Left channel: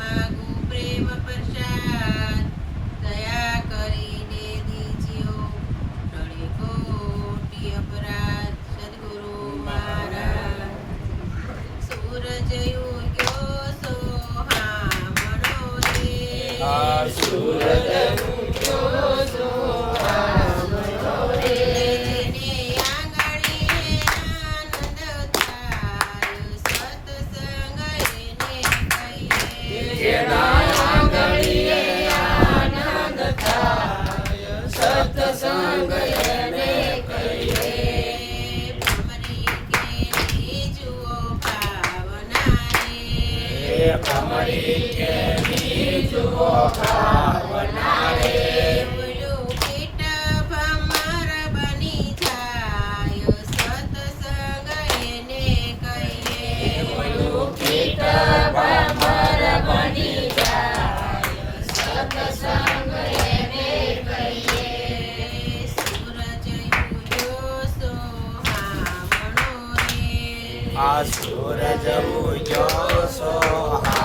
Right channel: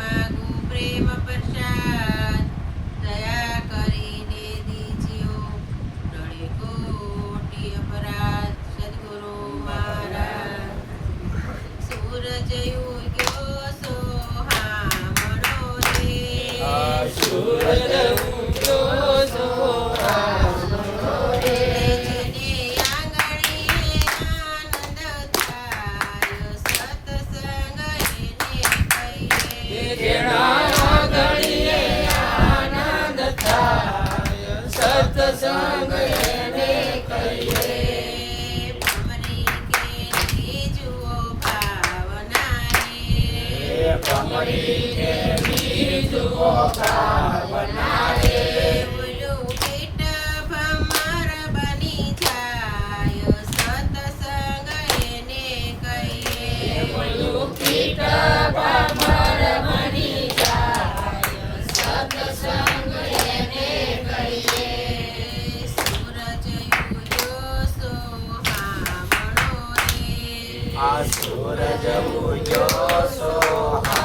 માગું પ્રેમ પ્રસાદ દયા કરીને દીજ્યો ટળે કોટી અપરાધ સદગુરુ મહારાજ સૂરજ ઉગ્યો સોહામણો રે સૂરજ ઉગ્યો સોહામણો રે જેને આંગણે આનંદ થાય સત્સંગ એને કહીએ જેના આંગણે આનંદ થાય સત્સંગ એને કહીએ ભમરી કેની જુઓ ભાવના રે ભમરી કેની જુઓ ભાવના રે ઓલું કીટ ભમર બની જાય સત્સંગ એને કહીએ ઓલું કીટ ભમર બની જાય સત્સંગ એને કહીએ સૂરજ ઉગ્યો સોહામણો રે આ સૂરજ ઉગ્યો સોહામણો